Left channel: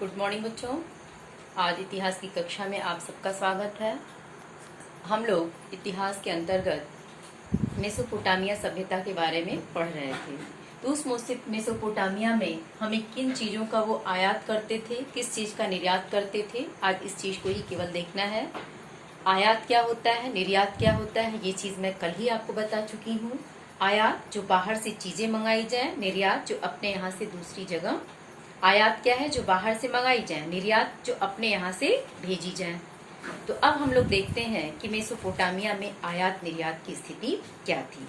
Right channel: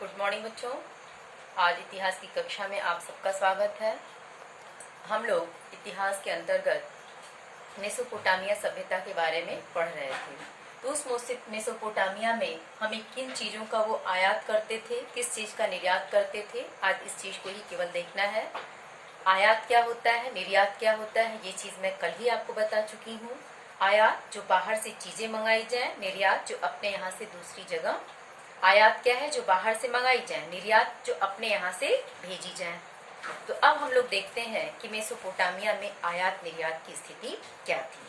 Good morning बच्चों। आज इतिहास की कक्षा में आप सबका स्वागत है। हम लोग इतिहास के अंतर्गत मेसोपोटामिया सभ्यता के बारे में पढ़ रहे थे। तो उस मेसोपोटामिया में हमें किन चीजों का वो आयात करते थे, किस चीज का निर्यात करते थे, आज इस चीज को ही केवल देखना है। आयात क्या होता है, निर्यात क्या होता है, ये चीज मैं कल ही आपको बता चुकी हूँ। आयात जो बाहर से चीजें मंगाई जाए, निर्यात जो अपने यहाँ से दूसरी जगह। आयात क्या है, जो बाहर से मंगाई जाए, निर्यात जो अपने यहाँ से भेजी जाए। तो अब हम लोग देखते हैं कि मेसोपोटामिया में आयात निर्यात की स्थिति क्या थी।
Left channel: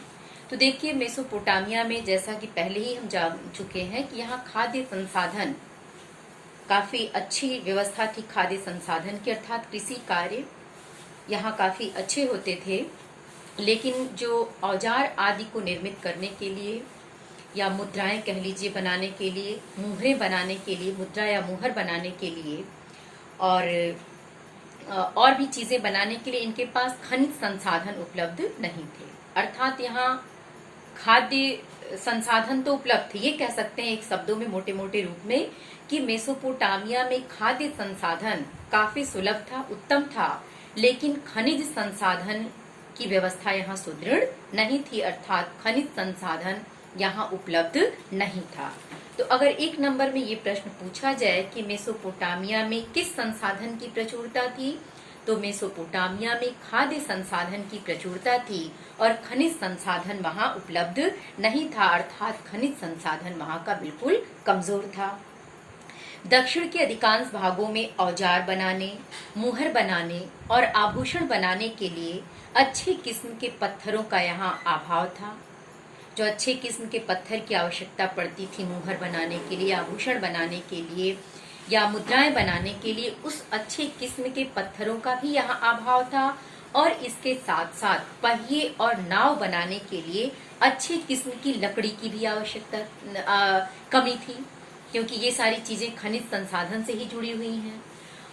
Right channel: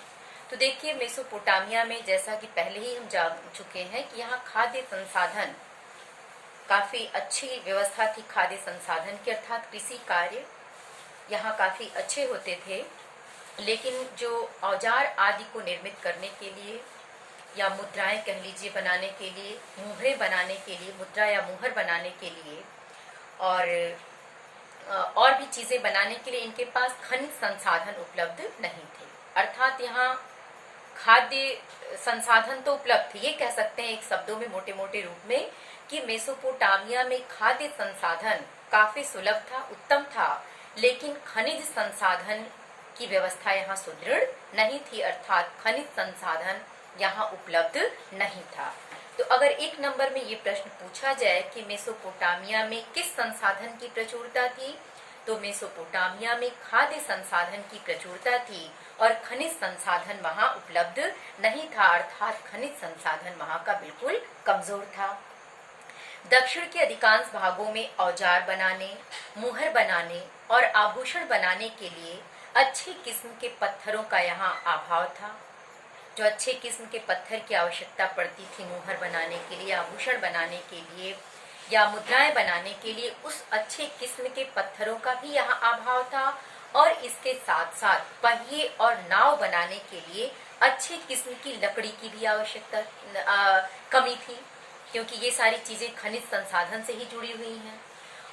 तो देखिए, मेसोपोटामिया में जैसा कि पहले ही हम जान चुके हैं कि यहाँ खाद्य संसाधन काफी अच्छी व्यवस्था थी। खाद्य संसाधन की अर्थात कृषि कार्य यहाँ काफी अच्छे होते थे, लेकिन जो औजार आदि को निर्मित करने के लिए या मुद्राएं कह लीजिए बनाने के लिए, मुहरें बनाने के लिए, मुद्रा या मुहर बनाने के लिए और भी चीजें बनाने के लिए इनके पास खनिज संसाधन उपलब्ध नहीं थे। अर्थात यहाँ खाद्य संसाधन तो उपलब्ध थे, ये कह सकते हैं एक शब्दों में, मोटे मोटे रूप में, कि मेसोपोटामिया में खाद्य संसाधन काफी सुलभ था, उत्तम था, लेकिन खनिज संसाधन की व्यवस्था यहाँ सुदृढ़ नहीं थी। अर्थात खनिज संसाधन यहाँ उपलब्ध नहीं था। तो अगर एक नंबर में ये प्रश्न पूछा जाए कि मेसोपोटामिया में किस संसाधन की प्रचुरता थी, तो मेसोपोटामिया में खाद्य संसाधन की प्रचुरता थी और खनिज संसाधन वहाँ उपलब्ध नहीं था। अर्थात खनिज संसाधन वहाँ का बिल्कुल कमजोर था। दक्षिण के अधिकांश भागों में औजार बनाने, मुहर बनाने और आभूषण बनाने के लिए अच्छी किस्म के पत्थरों का यहाँ अभाव था। जो अच्छे किस्म के पत्थर की आवश्यकता पड़ती थी मुहर बनाने के लिए, आभूषण बनाने के लिए या मुद्राएं बनाने के लिए, उस अच्छे किस्म के पत्थरों का भी यहाँ अभाव था। और इसके साथ साथ पहिए और नाव बनाने के लिए अच्छे किस्म की लकड़ी की भी आवश्यकता कमी थी, क्योंकि ये सारी चीजें खनिज संसाधन से ही जुड़ी हुई हैं।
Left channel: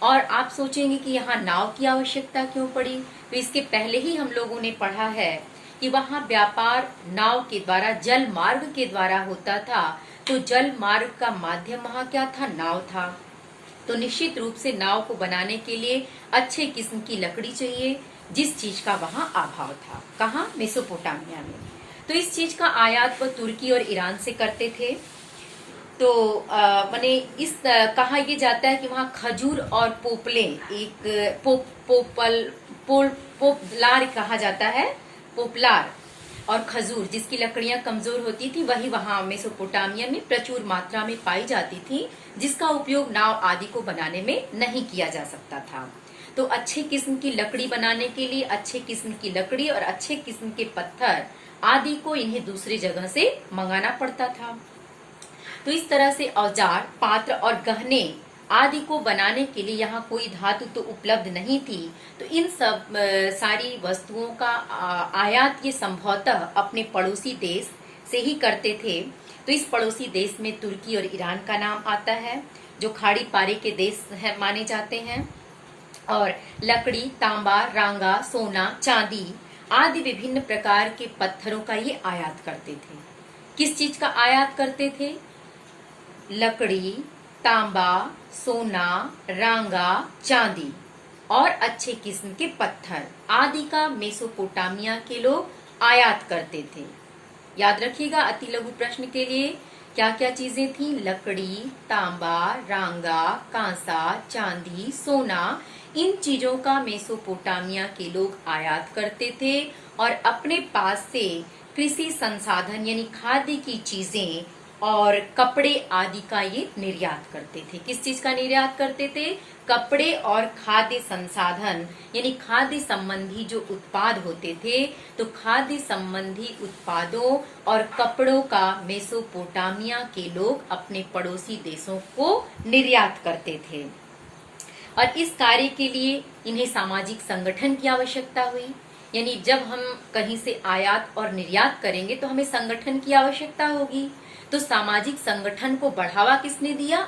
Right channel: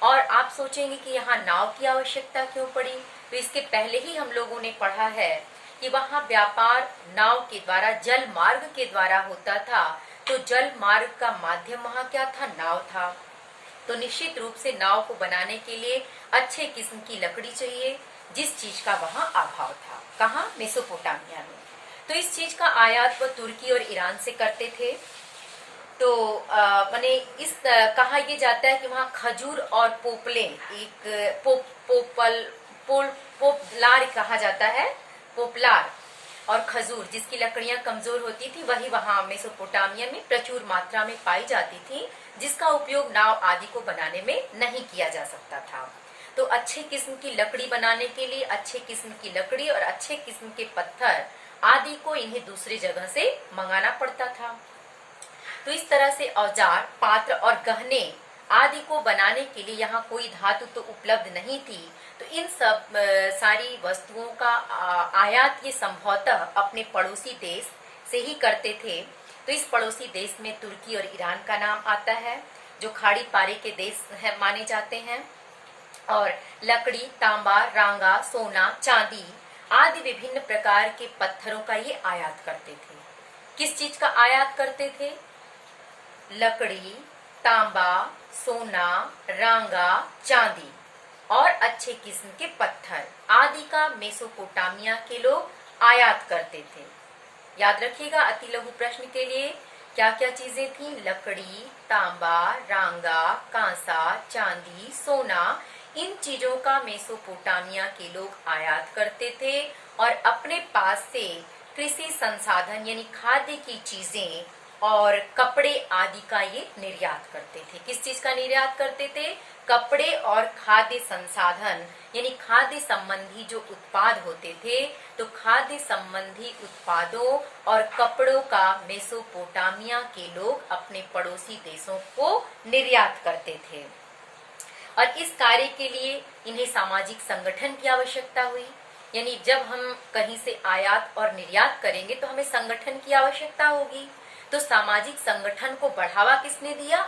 और आप सोचेंगे कि यहाँ नाव की आवश्यकता क्यों पड़ी, तो इसके पहले ही हम लोगों ने पढ़ा है कि वहाँ व्यापार नाव के द्वारा, जल मार्ग के द्वारा होता था। तो जल मार्ग का माध्यम वहाँ क्या था, नाव था। तो निश्चित रूप से नाव को बनाने के लिए अच्छे किस्म की लकड़ी चाहिए, जिस चीज का वहाँ अभाव था। कहाँ, मेसोपोटामिया में। तो इस चीज का आयात वो तुर्की और ईरान से करते थे। तो माने इस कहा यह जाता है कि वहाँ खजूर और पोपले, एक पोपलार कहा जाता है, पोपलार और खजूर जिसकी लकड़ियां कमजोर होती थी, वही वहां मेसोपोटामिया में प्रचुर मात्रा में पाई जाती थी, जिसका उपयोग नाव आदि को बनाने में नहीं किया जा सकता था। तो अच्छे किस्म की लकड़ी बनाने के लिए अच्छे किस्म की लकड़ी और अच्छे किस्म के पत्थर आदि को इन्हें दूसरी जगह से मंगाना पड़ता था। तो इस तरह से औजार, पात्र और गहने आदि को बनाने के लिए यहाँ कोई धातु तो उपलब्ध नहीं थी। तो इन सब सारी वस्तुओं का आयात ये संभवतः अपने पड़ोसी देश से ही करते थे। तो इस पड़ोसी देश में तुर्की और ईरान का नाम आता है, जो खाड़ी पारे के देश है माने जाते हैं। और लकड़ी, तांबा, रांगा, सोना, चांदी आदि विभिन्न प्रकार के पत्थरों का ये आयात करते थे। किस चीज का आयात करते थे? लकड़ी, तांबा, सोना, रांगा, चांदी और अच्छे किस्म के पत्थर आदि का मेसोपोटामिया के लोग आयात करते थे। याद रखिएगा, अति लघु प्रश्न के लिए क्या क्या चीजें थी? लकड़ी, तांबा, रांगा, कांसा, चांदी, सोना, इन चीजों का मेसोपोटामिया के लोग आयात करते थे और अपने पास से कृषि संसाधन यानी खाद्य की चीजें और कपड़े आदि का ये निर्यात करते थे। किस चीज का निर्यात करते थे? कपड़े और खाद्य संसाधन यानी खाद्य संबंधी जो उत्पाद होते थे, तो खाद्य संबंधी उत्पादों और कपड़ों का मेसोपोटामिया के लोग अपने पड़ोसी देशों को निर्यात करते थे। और इस कार्य के लिए इन्हें सामाजिक संगठन की आवश्यकता हुई। यानी जब हम कहीं से आयात और निर्यात करेंगे तो हमें संगठन की आवश्यकता होगी। तो सामाजिक संगठन को बढ़ावा किसने दिया?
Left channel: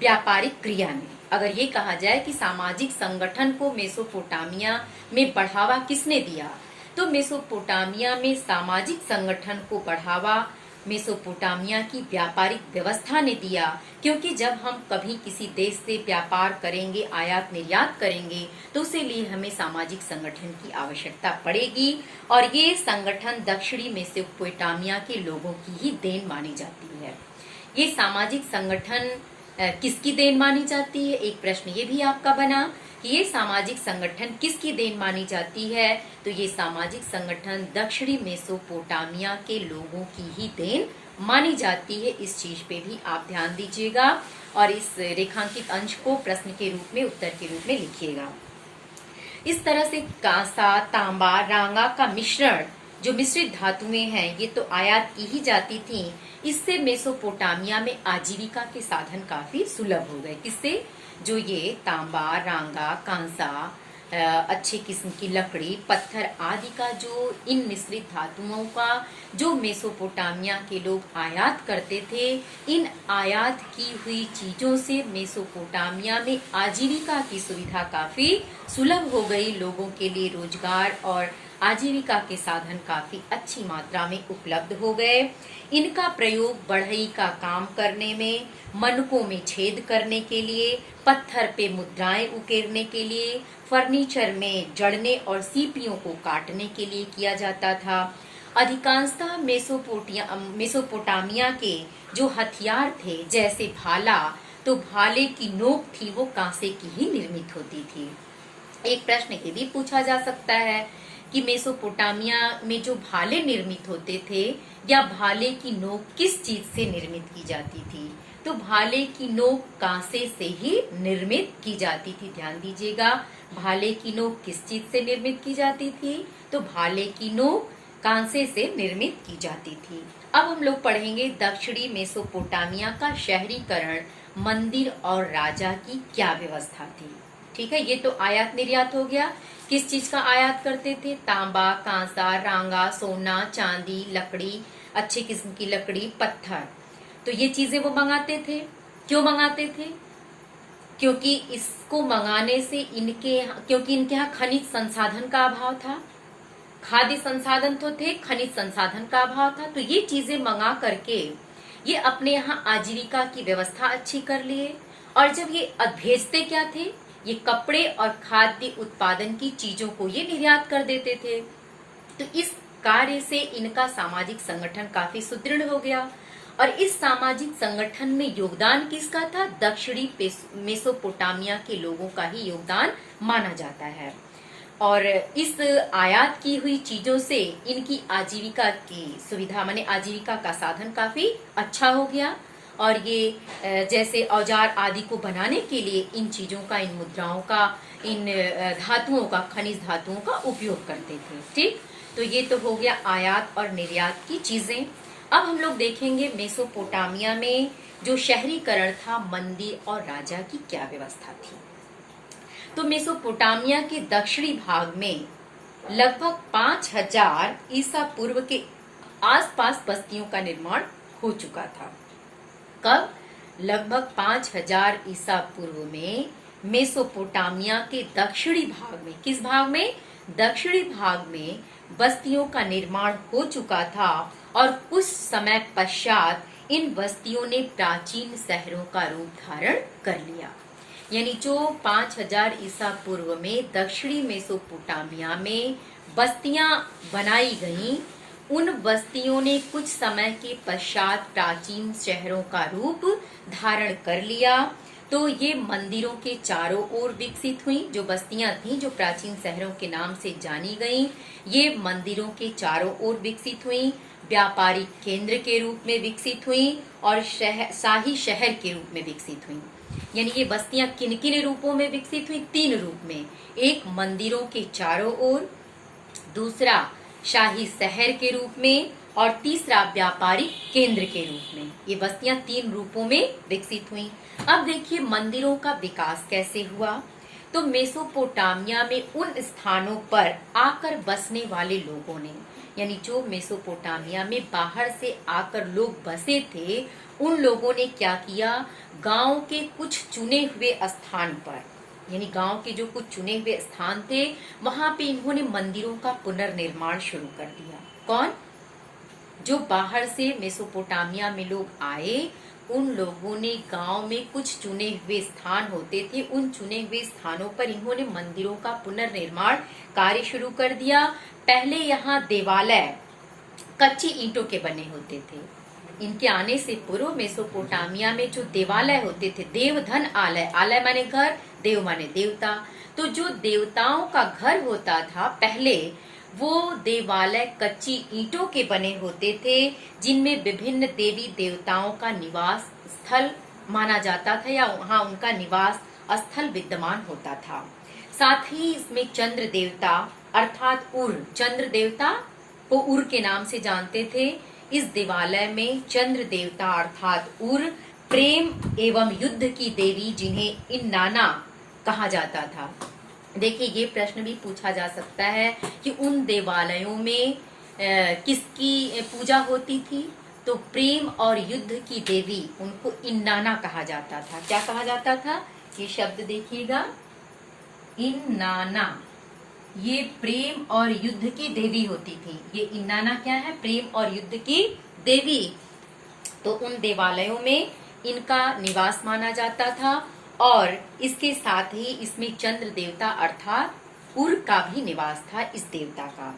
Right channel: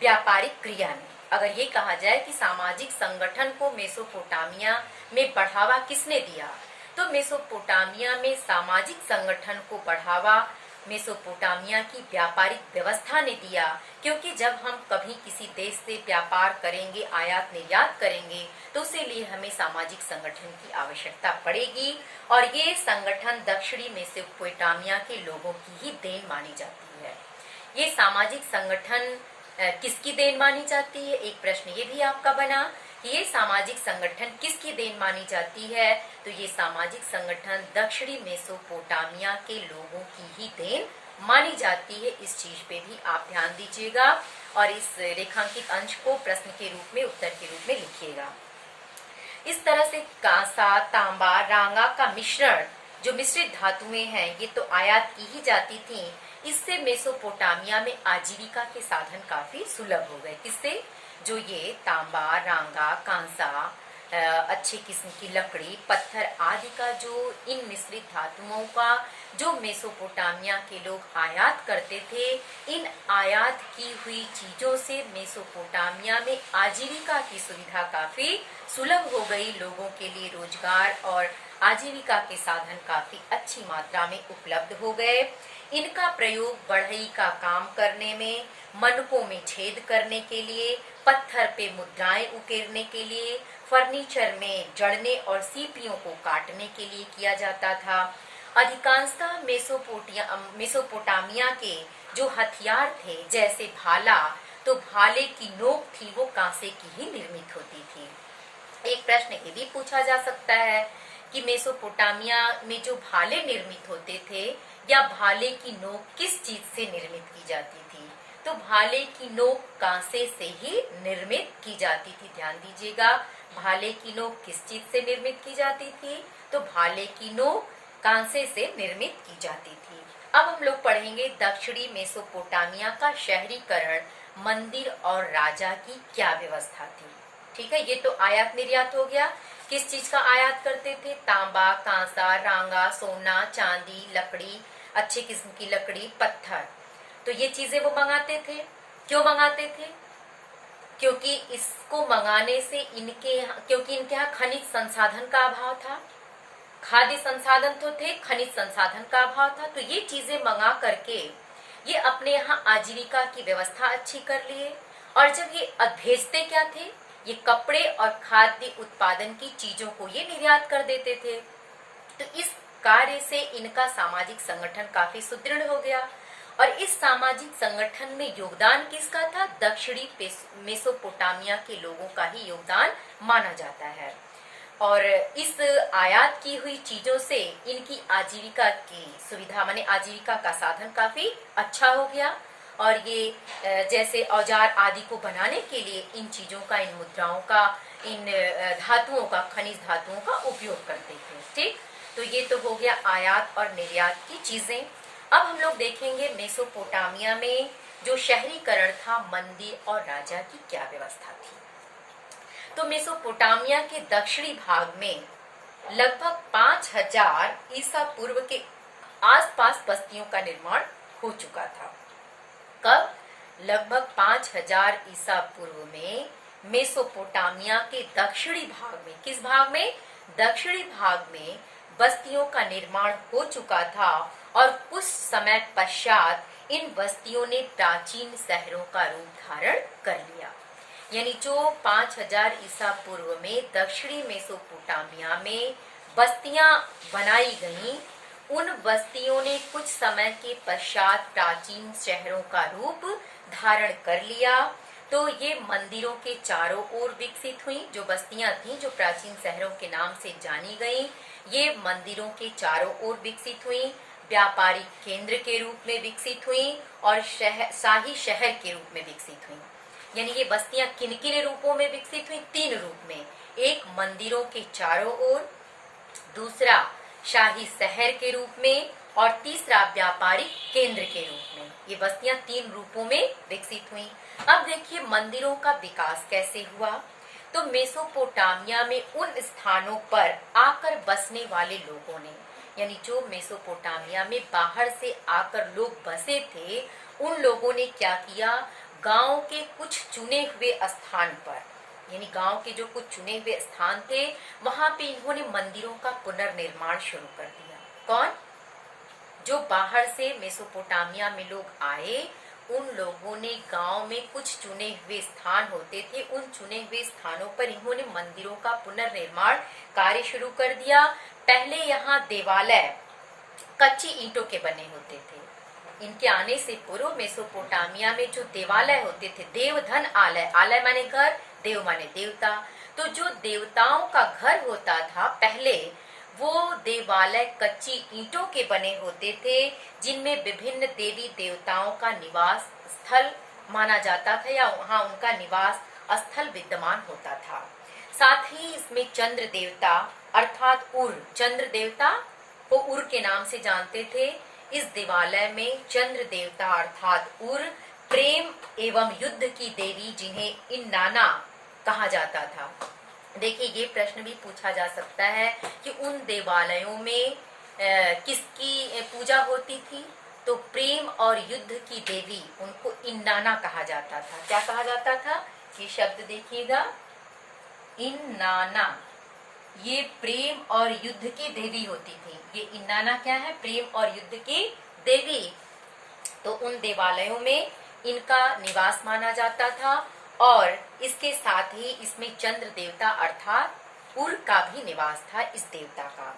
व्यापारिक क्रिया ने। अगर ये कहा जाए कि सामाजिक संगठन को मेसोपोटामिया में बढ़ावा किसने दिया, तो मेसोपोटामिया में सामाजिक संगठन को बढ़ावा मेसोपोटामिया की व्यापारिक व्यवस्था ने दिया, क्योंकि जब हम कभी किसी देश से व्यापार करेंगे, आयात निर्यात करेंगे, तो उसके लिए हमें सामाजिक संगठन की आवश्यकता पड़ेगी। और ये संगठन दक्षिणी मेसोपोटामिया के लोगों की ही देन मानी जाती है। ये सामाजिक संगठन किसकी देन मानी जाती है? एक प्रश्न ये भी आपका बना कि ये सामाजिक संगठन किसकी देन मानी जाती है? तो ये सामाजिक संगठन दक्षिणी मेसोपोटामिया के लोगों की ही देन मानी जाती है। इस चीज पे भी आप ध्यान दीजिएगा और इस रेखांकित अंश को प्रश्न के रूप में, उत्तर के रूप में लिखिएगा। इस तरह से कांसा, तांबा, रांगा का मिश्रण जो मिश्रित धातुएं हैं, ये तो आयात की ही जाती थी। इससे मेसोपोटामिया में आजीविका के साधन काफी सुलभ हो गए। किससे? जो ये तांबा, रांगा, कांसा, अच्छे किस्म की लकड़ी, पत्थर आदि का जो इन मिश्रित धातुओं का जो मेसोपोटामिया के लोग आयात करते थे, इन आयात की हुई चीजों से मेसोपोटामिया में आजीविका की सुविधा काफी सुलभ हो गई। लोगों के लिए रोजगार और आजीविका के साधन काफी अच्छी मात्रा में उपलब्ध हो गए। इनका प्रयोग बढ़ई का काम करने में, मनकों में छेद करने के लिए, पत्थर पे मुद्राएं उकेरने के लिए, फर्नीचर में जड़ने और सीपियों को काटने के लिए किया जाता था। अधिकांशतः मेसोपोटामिया के जो हथियार थे, जैसे भाला, तो भाले की नोक थी वो कांसे की ही निर्मित होती थी। एक प्रश्न ये भी पूछा जा सकता है कि मेसोपोटामिया में जो भाले निर्मित होते थे, या भाले की नोक किस चीज से निर्मित की जाती थी? तो भाले की नोक कांसे से ही निर्मित की जाती थी। ध्यान दीजिएगा, भाले की नोक किस चीज से निर्मित की जाती थी? तो भाले की नोक कांसे से निर्मित की जाती थी। अब हम लोग पढ़ेंगे दक्षिणी मेसोपोटामिया का शहरीकरण, मंदिर और राजा की क्या व्यवस्था थी। ठीक है, ये तो आयात निर्यात हो गया। किस चीज का आयात करते थे? तांबा, कांसा, रांगा, सोना, चांदी, लकड़ी, अच्छे किस्म की लकड़ी, पत्थर, तो ये चीजें वो मंगाते थे। क्यों मंगाते थे? क्योंकि इसको मंगाने से क्योंकि इनके यहाँ खनिज संसाधन का अभाव था। खाद्य संसाधन तो थे, खनिज संसाधन का अभाव था। तो ये चीजें मंगा करके ये अपने यहाँ आजीविका की व्यवस्था अच्छी कर लिए। और जब ये भेजते क्या थे? ये कपड़े और खाद्य उत्पादन की चीजों को ये निर्यात कर देते थे। तो इस कार्य से इनका सामाजिक संगठन काफी सुदृढ़ हो गया। और इस सामाजिक संगठन में योगदान किसका था? दक्षिणी मेसोपोटामिया के लोगों का ही योगदान माना जाता है। और इस आयात की हुई चीजों से इनकी आजीविका की सुविधा, माने आजीविका का साधन काफी अच्छा हो गया। और ये जैसे औजार आदि को बनाने के लिए इन चीजों का, इन मुद्राओं का, इन धातुओं का, खनिज धातुओं का उपयोग करते थे। ठीक, तो ये तो हो गया आयात और निर्यात की चीजें। अब हम लोग देखेंगे मेसोपोटामिया में जो शहरीकरण था, मंदिर और राजा की क्या व्यवस्था थी। तो मेसोपोटामिया के दक्षिणी भाग में लगभग 5000 ईसा पूर्व के आसपास बस्तियों का निर्माण हो चुका था। कब? लगभग 5000 ईसा पूर्व में मेसोपोटामिया के दक्षिणी भाग में, किस भाग में? दक्षिणी भाग में बस्तियों का निर्माण हो चुका था। और कुछ समय पश्चात इन बस्तियों ने प्राचीन शहरों का रूप धारण कर लिया। यानी जो 5000 ईसा पूर्व में दक्षिणी मेसोपोटामिया में बस्तियां बनाई गईं, उन बस्तियों ने कुछ समय के पश्चात प्राचीन शहरों का रूप धारण कर लिया। तो ये मंदिरों के चारों ओर विकसित हुई। जो बस्तियां थीं, जो प्राचीन शहरों के नाम से जानी गईं, ये मंदिरों के चारों ओर विकसित हुई, व्यापारिक केंद्र के रूप में विकसित हुई और शाही शहर के रूप में विकसित हुई। यानी ये बस्तियां किन किन रूपों में विकसित हुई? 3 रूप में। एक मंदिरों के चारों ओर, दूसरा शाही शहर के रूप में, और तीसरा व्यापारिक केंद्र के रूप में। ये बस्तियां 3 रूपों में विकसित हुई। अब देखिए मंदिरों का विकास कैसे हुआ। तो मेसोपोटामिया में उन स्थानों पर आकर बसने वाले लोगों ने, यानी जो मेसोपोटामिया में बाहर से आकर लोग बसे थे, उन लोगों ने क्या किया? गांव के कुछ चुने हुए स्थान पर, यानी गांव के जो कुछ चुने हुए स्थान थे, वहां पे इन्होंने मंदिरों का पुनर्निर्माण शुरू कर दिया। कौन? जो बाहर से मेसोपोटामिया में लोग आए, उन लोगों ने गांव में कुछ चुने हुए स्थान होते थे, उन चुने हुए स्थानों पर इन्होंने मंदिरों का पुनर्निर्माण कार्य शुरू कर दिया। पहले यहाँ देवालय कच्ची ईंटों के बने होते थे। इनके आने से पूर्व मेसोपोटामिया में जो देवालय होते थे, देवधन आलय, आलय माने घर, देव माने देवता, तो जो देवताओं का घर होता था पहले, वो देवालय कच्ची ईंटों के बने होते थे, जिनमें विभिन्न देवी देवताओं का निवास स्थल माना जाता था या वहां उनका निवास स्थल विद्यमान होता था। साथ ही इसमें चंद्र देवता अर्थात उर, चंद्र देवता को उर के नाम से जानते थे। इस देवालय में चंद्र देवता अर्थात उर प्रेम एवं युद्ध की देवी जिन्हें इन्नाना कहा जाता था। देखिए, ये प्रश्न भी पूछा जा सकता है कि उन देवालयों में किसकी पूजा होती थी, तो प्रेम और युद्ध की देवी उनको इन्नाना कहा जाता था। क्या कहा जाता था? ये शब्द देखिएगा, इन्नाना, ये प्रेम और युद्ध की देवी होती थी। ये इन्नाना क्या है? प्रेम और युद्ध की देवी। तो उन देवालयों में इनका निवास माना जाता था और इसके साथ ही इसमें चंद्र देवता अर्थात उर का भी निवास था, इस देवता का।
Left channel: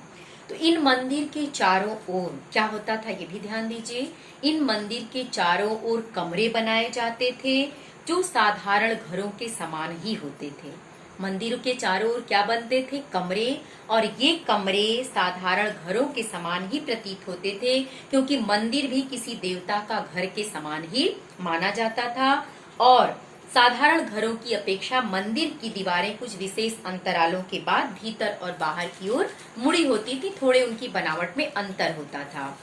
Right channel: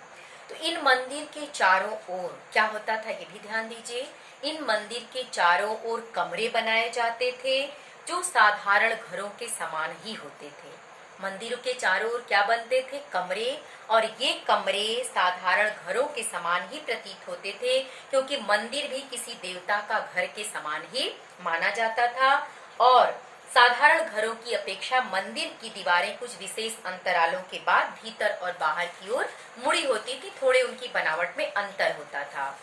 तो इन मंदिर के चारों ओर क्या होता था, ये भी ध्यान दीजिए। इन मंदिर के चारों ओर कमरे बनाए जाते थे जो साधारण घरों के समान ही होते थे। मंदिरों के चारों ओर क्या बनते थे? कमरे, और ये कमरे साधारण घरों के समान ही प्रतीत होते थे, क्योंकि मंदिर भी किसी देवता का घर के समान ही माना जाता था। और साधारण घरों की अपेक्षा मंदिर की दीवारें कुछ विशेष अंतरालों के बाद भीतर और बाहर की ओर मुड़ी होती थी, थोड़े उनकी बनावट में अंतर होता था।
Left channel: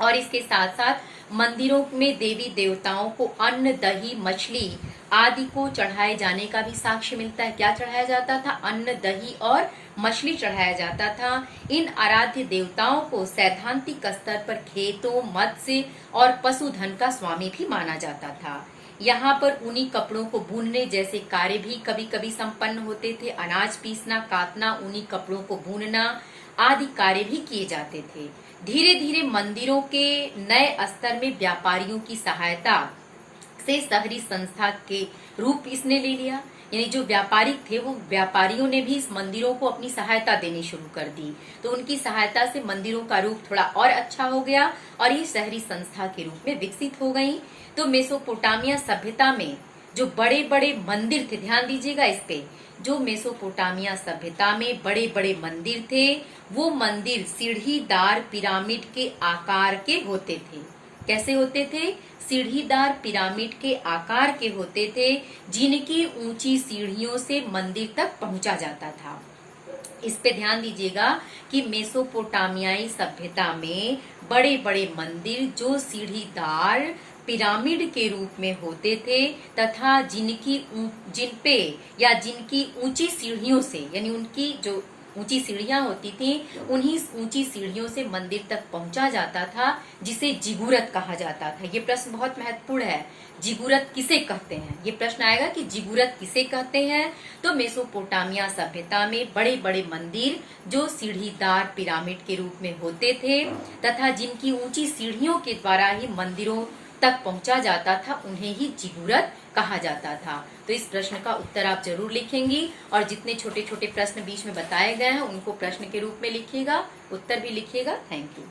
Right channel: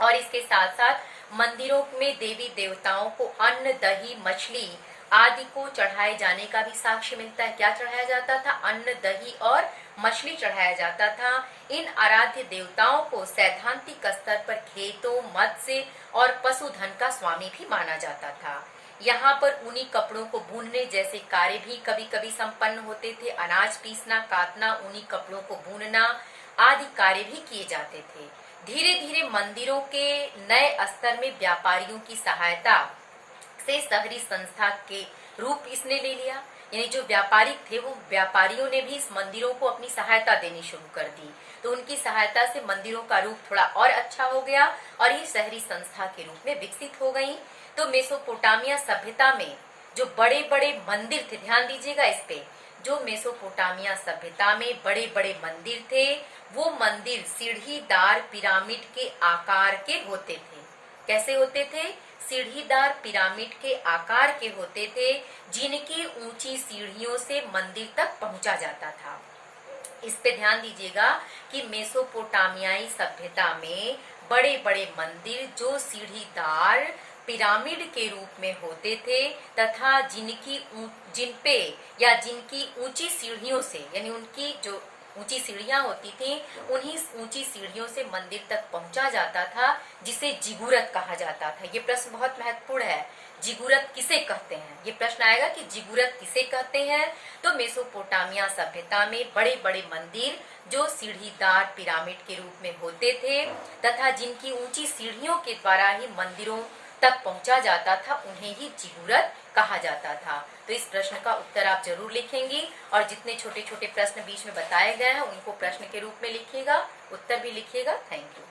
और इसके साथ साथ मंदिरों में देवी देवताओं को अन्न, दही, मछली आदि को चढ़ाए जाने का भी साक्ष्य मिलता है। क्या चढ़ाया जाता था? अन्न, दही और मछली चढ़ाया जाता था। इन आराध्य देवताओं को सैद्धांतिक स्तर पर खेतों, मत्स्य और पशुधन का स्वामी भी माना जाता था। यहाँ पर ऊनी कपड़ों को बुनने जैसे कार्य भी कभी कभी संपन्न होते थे। अनाज पीसना, काटना, ऊनी कपड़ों को बुनना आदि कार्य भी किए जाते थे। धीरे धीरे मंदिरों के नए स्तर में व्यापारियों की सहायता से शहरी संस्था के रूप इसने ले लिया। यानी जो व्यापारिक थे, वो व्यापारियों ने भी इस मंदिरों को अपनी सहायता देनी शुरू कर दी। तो उनकी सहायता से मंदिरों का रूप थोड़ा और अच्छा हो गया और ये शहरी संस्था के रूप में विकसित हो गई। तो मेसोपोटामिया सभ्यता में जो बड़े बड़े मंदिर थे, ध्यान दीजिएगा इस पे, जो मेसोपोटामिया सभ्यता में बड़े बड़े मंदिर थे, वो मंदिर सीढ़ीदार पिरामिड के आकार के होते थे। कैसे होते थे? सीढ़ीदार पिरामिड के आकार के होते थे, जिनकी ऊंची सीढ़ियों से मंदिर तक पहुंचा जाता था। इस पे ध्यान दीजिएगा कि मेसोपोटामियाई सभ्यता में बड़े बड़े मंदिर जो सीढ़ीदार पिरामिड के रूप में होते थे तथा जिनकी ऊंची सीढ़ियों से, यानी उनकी जो ऊंची सीढ़ियां होती थी, उन्हीं ऊंची सीढ़ियों से मंदिर तक पहुंचा जाता था, जिसे जिगुरत कहा जाता था। ये प्रश्न बहुत महत्वपूर्ण है। जिगुरत किसे कहते हैं? ये प्रश्न आएगा कि जिगुरत किसे कहते हैं। तो मेसोपोटामिया सभ्यता में बड़े बड़े मंदिर जो सीढ़ीदार पिरामिड के रूप में होते थे तथा जिनकी ऊंची सीढ़ियों के द्वारा ही मंदिरों तक पहुंचा जाता था, उन्हें ही जिगुरत कहा जाता था। तो इस प्रश्न का उत्तर आप जरूर लिखेंगी और जितने छोटे छोटे प्रश्न बीच में बताए गए हैं उनको प्रश्न के रूप में लिखिएगा, उत्तर भी लिखिएगा। Thank you.